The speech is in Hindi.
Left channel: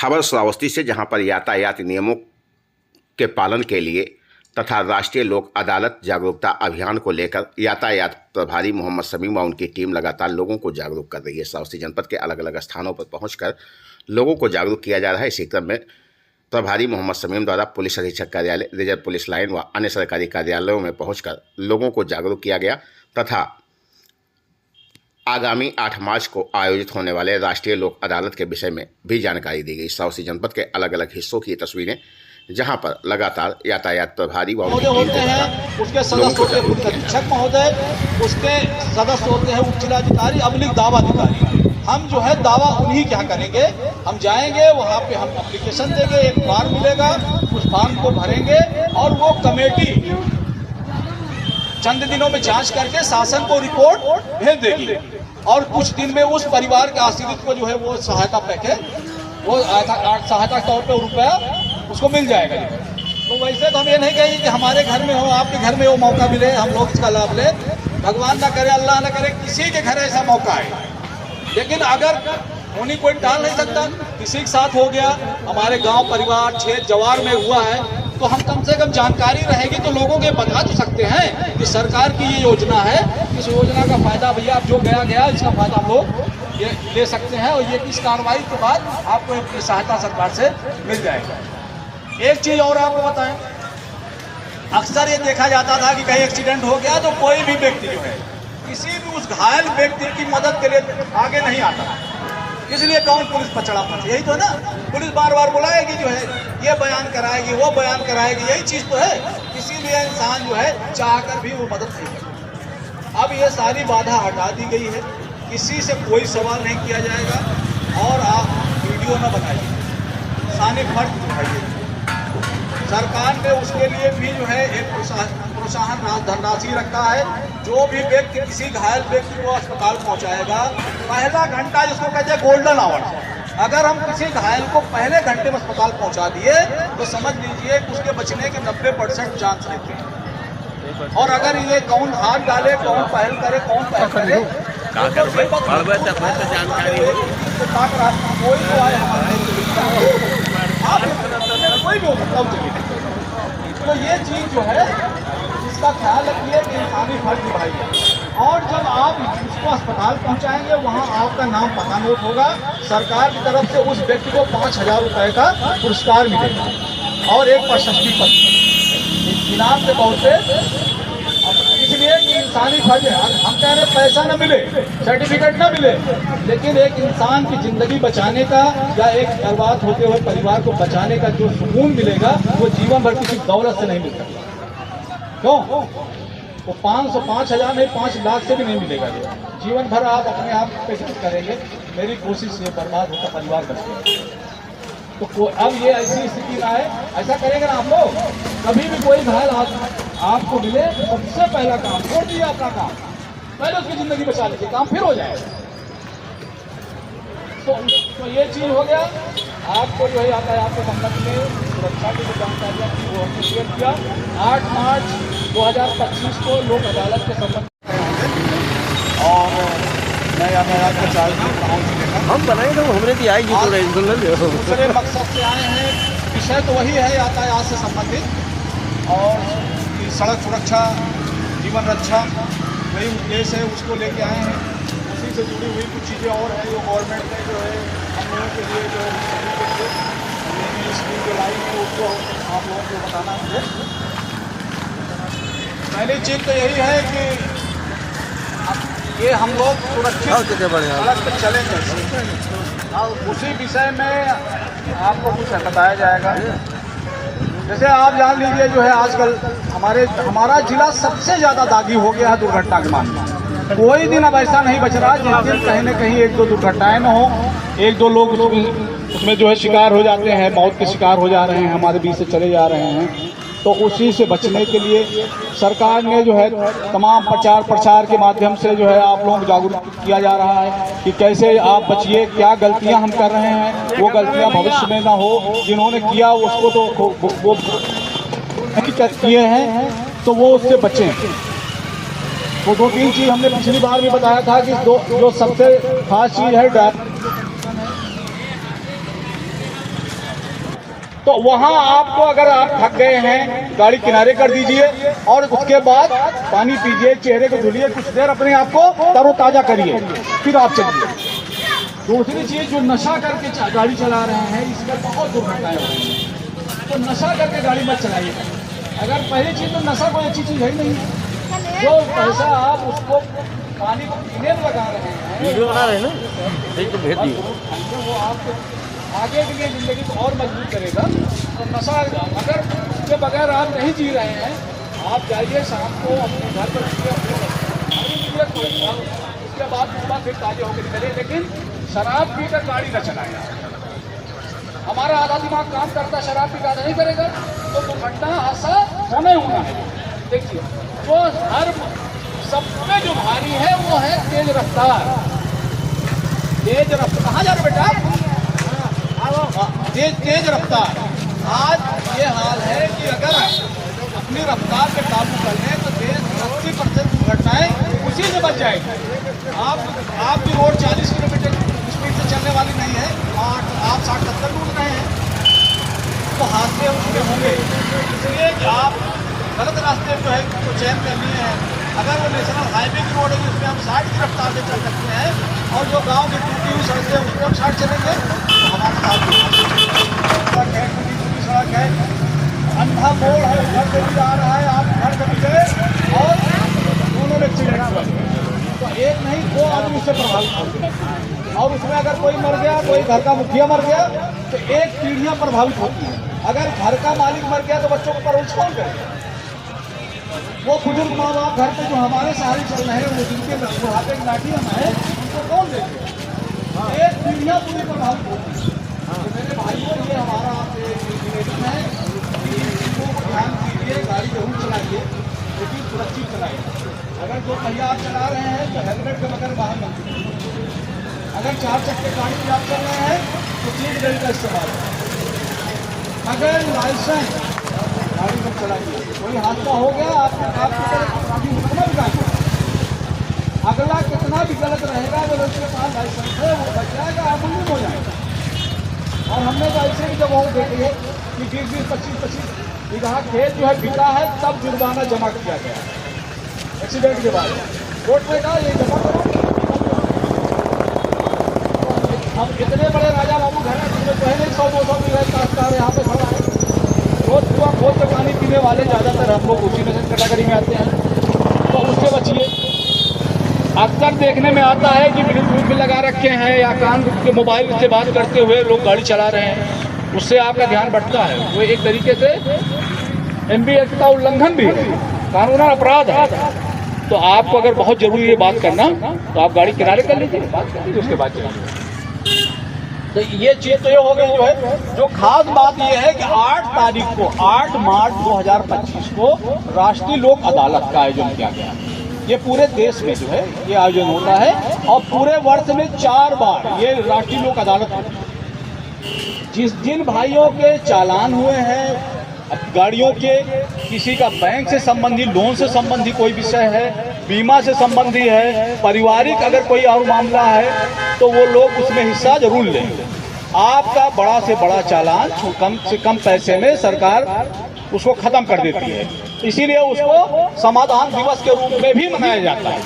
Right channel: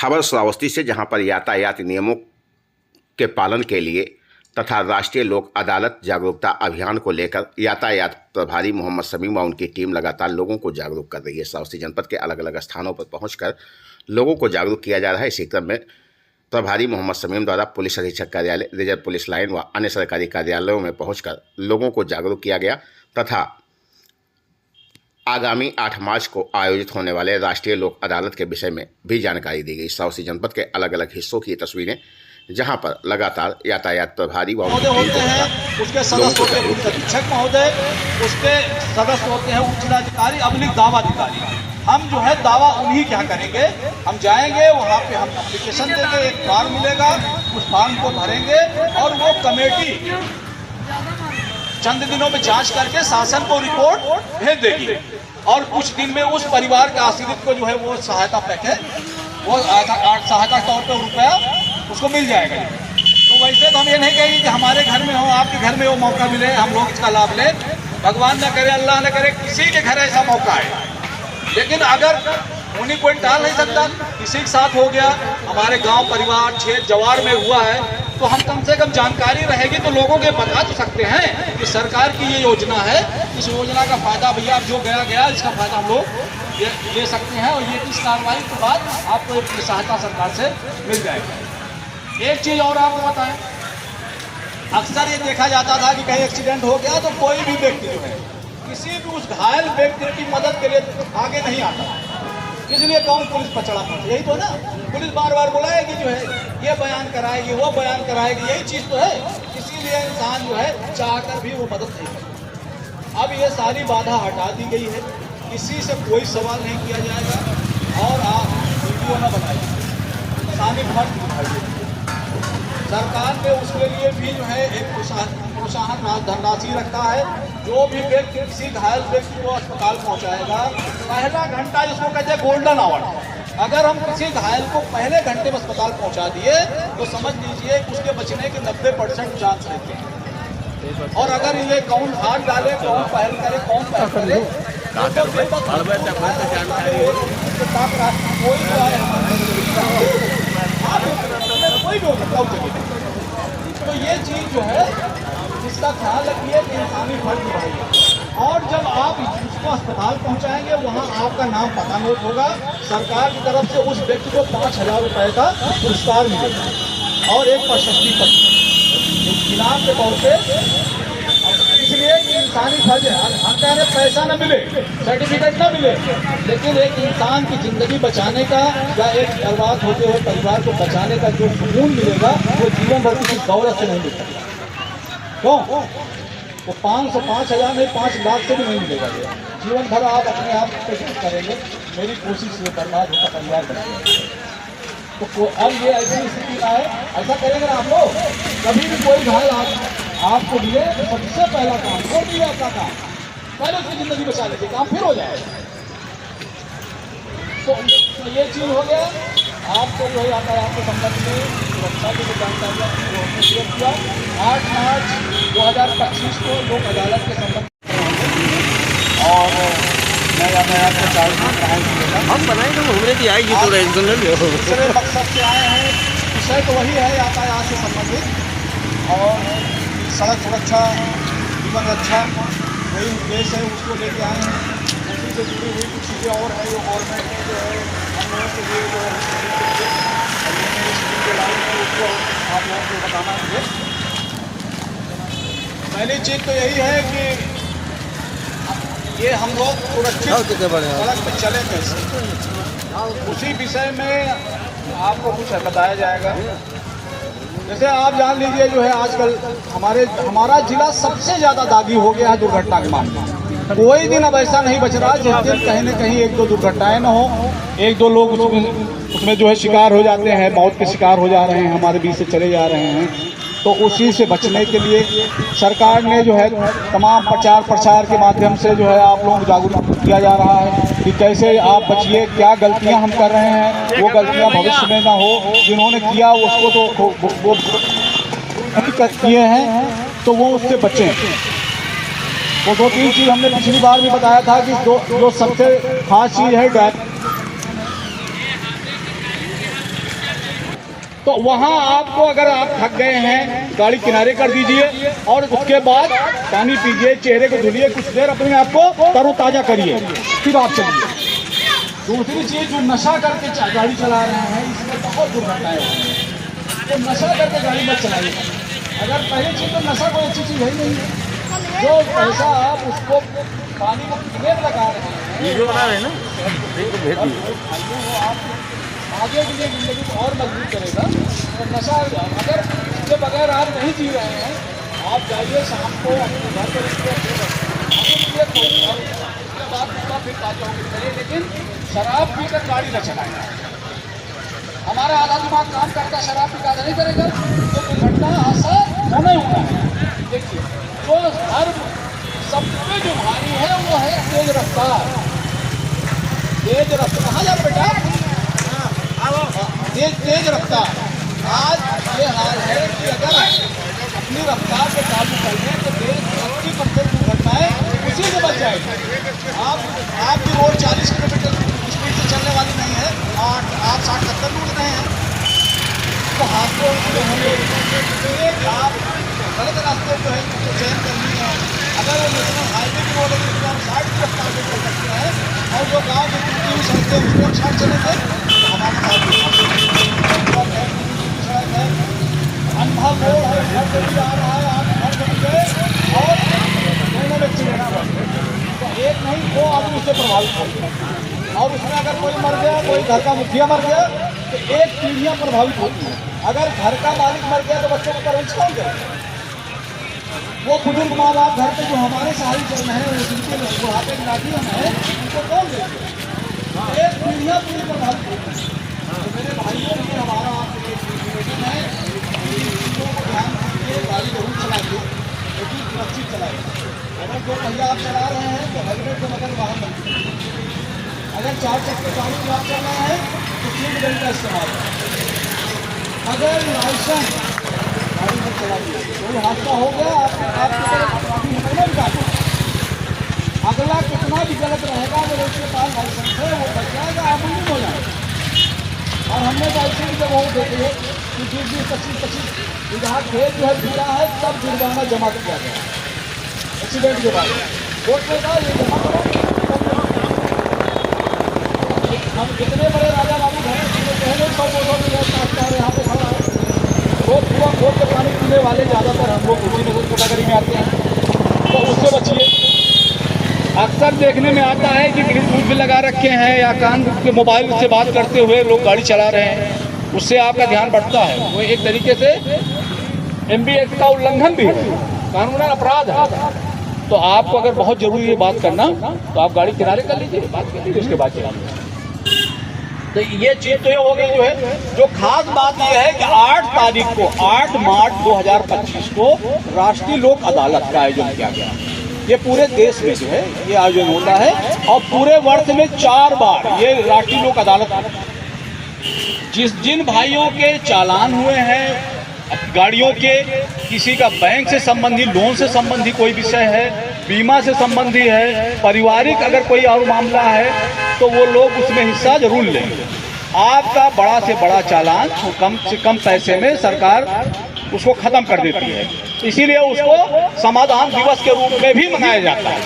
खबर श्रावस्ती से, जहां पर यातायात नियमों के पालन के लिए तथा राष्ट्रीय लोक अदालत जागरूकता अभियान को लेकर यातायात प्रभारी मोहम्मद समीम व उनकी टीम लगातार लोगों को जागरूक कर रही है। श्रावस्ती जनपद के अलग अलग स्थानों पर पहुंचकर लोगों को जागरूक किया जा रहा है। इसी क्रम में प्रभारी मोहम्मद समीम द्वारा पुलिस अधीक्षक कार्यालय, रिजर्व पुलिस लाइन व अन्य सरकारी कार्यालयों में पहुंचकर लोगों को जागरूक किया गया तथा आगामी 8 मार्च को आयोजित होने वाले राष्ट्रीय लोक अदालत के विषय में भी जानकारी दी गई। श्रावस्ती जनपद के अलग अलग हिस्सों की तस्वीरें, जहां पर लगातार यातायात प्रभारी व उसके सदस्य होते हैं अधीक्षक महोदय, उसके सदस्य होते हैं उप जिलाधिकारी, अभिलिख दावा अधिकारी। हम जो है दावा उन्हीं क्या करेंगे, हम जाएंगे वहाँ पे, हम एप्लीकेशन देंगे, एक फॉर्म मिलेगा, उस फॉर्म को भरेंगे और वो कमेटी चंद दिनों में जांच करके शासन को रिपोर्ट भेज देगी और कुछ दिन में उस परिवार का आश्रित को जो है वो सहायता पैकेज, वो सहायता तौर पर रुपया उसको मिल जाएगा। तो वैसे तो हम ये नहीं कहेंगे कि हमारे घर में हो, आपके घर में वो मौका मिले, हम लोग इसका लाभ लें। भगवान न करे, अल्लाह न करे किसी के घर ऐसा मौका है, लेकिन अगर उन्हीं कोई टाल नहीं सकता, किसी के साथ हो गया, हमारे गांव परिवार क्षेत्र जवार में हुआ है, तो हम कम से कम जानकारी रहेगी तो लोगों के बता तो सकते हैं कि सरकार की ये योजना है, इस योजना का फायदा भैया आप जो गया इसका फायदा हम लोग ले सकते हैं और ये इस कार्रवाई के बाद आपको एक सहायता सरकार से मिल जाएगा। एक चीज़ और आपको बताएं, अक्सर ये देखा जाता था कि कहीं एक्सीडेंट हो गया तो कोई भी व्यक्ति जो है किसी भी उस घायल व्यक्ति की मदद के लिए आगे नहीं आता, इसलिए कौन पुलिस पचड़ा पाती, यही तो है ना। पुलिस बार बार बुलाएगी, जो है ये बयान कराएगी, वो बयान कराएगी, यही चीज़ तो है। इसीलिए इंसान जो है चाहकर भी वो मदद नहीं करता। अब ये सारी बाधा हटा दी गई है, किसी से कोई सवाल नहीं किया जाएगा और आप वीडियो न बनाइए, इंसानी फर्ज निभाइए। सरकार ने उसके लिए भी जो है एक प्रोत्साहन धनराशि रखा है। जो भी व्यक्ति किसी घायल व्यक्ति को अस्पताल पहुंचाएगा, पहला घंटा जिसको कहते हैं गोल्डन आवर, अगर हम किसी घायल को पहले घंटे में अस्पताल पहुंचा दिए तो समझ लीजिए कि उसके बचने के 90% चांस रहते हैं। और अगर ये कौन हाथ डाले, कौन पहल करे, कौन पहल करे, कोई तो आए हमारे कोई भी हो सकता है। तो ये चीज़ जो है इसका ख्याल रखिए कि इंसानी फर्ज निभाइए। और जब आप इसको अस्पताल पहुंचाएंगे वहां आपका नाम पता नोट होगा, सरकार की तरफ से उस व्यक्ति को 5,000 रुपये का पुरस्कार मिलेगा और एक प्रशस्ति पत्र इनाम के तौर पे। इसलिए कि इंसानी फर्ज है, हम कह रहे पैसा न मिले, सर्टिफिकेट न मिले, लेकिन एक इंसान की जिंदगी बचाने का या एक बर्बाद होते हुए परिवार को बचाने का जो सुकून मिलेगा वो जीवन भर किसी दौलत से नहीं मिलता। क्यों? वो 5,000 नहीं, 5 लाख से भी नहीं मिलेगा। जीवन भर आप अपने आप पे करेंगे, मेरी कोशिश ये बर्बाद होता परिवार बचेगा। तो अब ये ऐसी स्थिति ना है, ऐसा करेंगे ना आप लोग, कभी भी कोई घायल आपको मिले तो सबसे पहला काम छोड़ दिया आपका काम, पहले उसकी जिंदगी बचा लीजिए, काम फिर हो जाएगा। तो ये चीज़ हो गया। आपको जो है यातायात के संबंध में सुरक्षा की जो जानकारियाँ वो हमने शेयर किया। 8 मार्च 2025 को लोक अदालत के संबंध में और मैं यातायात के चार्ज में हम बनाए तो हमने की आएगी तो दूसरे मकसद से आए हैं। विषय तो वही है यातायात से संबंधित और सड़क सुरक्षा, जीवन रक्षा, वही उद्देश्य है, उसको लेके आए हैं। उसी से जुड़ी हुई कुछ चीज़ें और हैं जो गवर्नमेंट ने जो है हम लोगों के लिए जो स्कीम के लाई है उसको आप लोगों को बताना होगा। पहली चीज़ तो यही है कि ये हम लोग सुरक्षित सड़क पर चलें कैसे, उसी विषय में आपको कुछ बताया जाएगा। जैसे आप जान लीजिए जो है आजकल हमारा जिला सबसे ज़्यादा दागी हो गया है दुर्घटना के मामले। कोई दिन अब ऐसा नहीं बच रहा जिस दिन कहीं न कहीं 1-2 दुर्घटनाएं न हो, 1-2 लोग उसमें जो है शिकार हो जाते हैं, मौत के शिकार हो जा रहे हैं, हमारे बीच से चले जा रहे हैं। तो उसी से बचने के लिए सरकार ने जो है तमाम प्रचार प्रसार के माध्यम से जो है आप लोगों को जागरूक किया जा रहा है कि कैसे आप बचिए, क्या गलतियां हम कर रहे हैं वो गलतियां भविष्य में ना हो। जिन्होंने किया उसको तो वो किए हैं तो वो उससे बचें। वो 2-3 चीज़ हमने पिछली बार भी बताया था कि जो सबसे खास चीज़ है तो वहाँ आपको अगर आप थक गए हैं गाड़ी किनारे कर दीजिए और उसके बाद पानी पीजिए, चेहरे को धुलिए, कुछ देर अपने आप को तरोताजा करिए, फिर आप चलिए। दूसरी चीज़, जो नशा करके गाड़ी चला रहे हैं इसमें बहुत दुर्घटनाएं होती हैं, तो नशा करके गाड़ी मत चलाइए। अगर पहली चीज़ तो नशा कोई अच्छी चीज़ है ही नहीं है। जो पैसा आप उसको पानी को पीने में लगा रहे हैं वो आपको आगे के लिए जिंदगी को और मजबूत करेगा। तो नशा अगर इसके बगैर आप नहीं जी रहे हैं, आप जाइए शाम को अपने घर पर उसके बाद सुबह फिर ताजे होकर निकलिए, लेकिन शराब पीकर गाड़ी न चलाएगा। हमारा आधा दिमाग काम करता, शराब पी नहीं करेगा तो दुर्घटना हादसा होना ही होना है। देखिए, तो हर सबसे जो भारी है वो है तेज रफ्तार। तेज रफ्तार कहाँ जा रहे बेटा? तेज रफ्तार। आज ये हाल है कि अगर अपनी रफ्तार पे काबू कर लें तो 80% दुर्घटनाएं उसी से बच जाएगी। आपकी रोड 40 किलोमीटर स्पीड से चलने वाली नहीं है और आप 60-70 में उड़ रहे हैं तो हादसे उसके होंगे। इसलिए आप गलत रास्ते जो है तो चयन करनी है। अगर वो नेशनल हाईवे की रोड है उसमें हम 60 की रफ्तार से चल सकते हैं और जो गांव की टूटी हुई सड़कें हैं उसमें हम 60 चलेंगे तो हमारे साथ सड़क है, टूटी सड़क है, अंधा मोड़ है, घर से भी आ रहा है, आप घर से भी गए और दोनों में एक्सीडेंट हुआ तो एक नहीं 2 आदमी उससे प्रभावित होंगे और उसमें अगर कोई मर गया, कोई घर का मुखिया मर गया तो एक पीढ़ियाँ प्रभावित होती हैं। अगर घर का मालिक मर गया तो बच्चों को परवरिश कौन करेगा? वो बुजुर्ग माँ बाप घर पे जो हमारे सहारे चल रहे हैं, वो जिनके बुढ़ापे की लाठी हम है, उनको कौन देते? एक पीढ़ियाँ पूरी प्रभावित होती है। तो मेरे भाइयों ये हमारा एक निवेदन है कि इन चीज़ों को ध्यान दीजिए, गाड़ी जरूर चलाइए लेकिन सुरक्षित चलाइए। अगर 2 पहिया आप चला रहे हैं तो हेलमेट के बगैर बाहर मत कीजिए। अगर 4 चक्के गाड़ी में आप चल रहे हैं तो सीट बेल्ट का इस्तेमाल करें। अगर लाइसेंस गाड़ी में चलाइए, कोई हादसा हो गया आपके अपराधी होने जाएगा। अगला कितना भी गलत रहेगा अगर उसके पास लाइसेंस है वो बच जाएगा, अमूमन हो जाएगा। और हमने तो ऐसे भी जब वो देखे कि 20-25 बीघा खेत जो है बिका है तब जुर्माना जमा किया गया एक्सीडेंट के बाद। कोर्ट में कहा ये जमा हम इतने बड़े राजा बाबू घर में तो है नहीं 100-200 बीघा यहाँ पे खड़ा है। रोज सुबह खोद के पानी पीने वाले ज़्यादातर हम लोग उसी नजर कैटेगरी में आते हैं, तो उससे बचिए। अक्सर देखने में आता है कि ब्लूटूथ भी लगा रखे हैं या कान के मोबाइल से बात करते हुए लोग गाड़ी चला रहे हैं, उससे आपका ध्यान बढ़ता है। वो एक तरीके से MB एक्ट का उल्लंघन भी है, कानूनी अपराध है। तो आपको अगर बहुत जरूरी है बात करना तो आप गाड़ी किनारे कर लीजिए, बात कर लीजिए, उसके बाद चलाइए। तो ये चीज तो ये हो गई जो है। जो खास बात ये है कि 8 तारीख को 8 मार्च 2025 को राष्ट्रीय लोक अदालत का आयोजन किया गया। ये पूरे देश में जो है ये आयोजन होता है और पूरे वर्ष में 4 बार ये राष्ट्रीय लोक अदालत जिन भाइयों के चालान हुए हैं गाड़ियों के, किसी का बैंक से संबंधी, लोन से संबंधी कोई विषय है, बीमा से संबंधी है, पारिवारिक अगर कोई और मामला है तो वो लोग उसमें हिस्सा जरूर लेंगे। आपका बड़ा से बड़ा चालान कम से कम पैसे में सरकार उसको खत्म कर देती है, इसीलिए उसको समाधान दिवस के रूप में भी मनाया जाता है।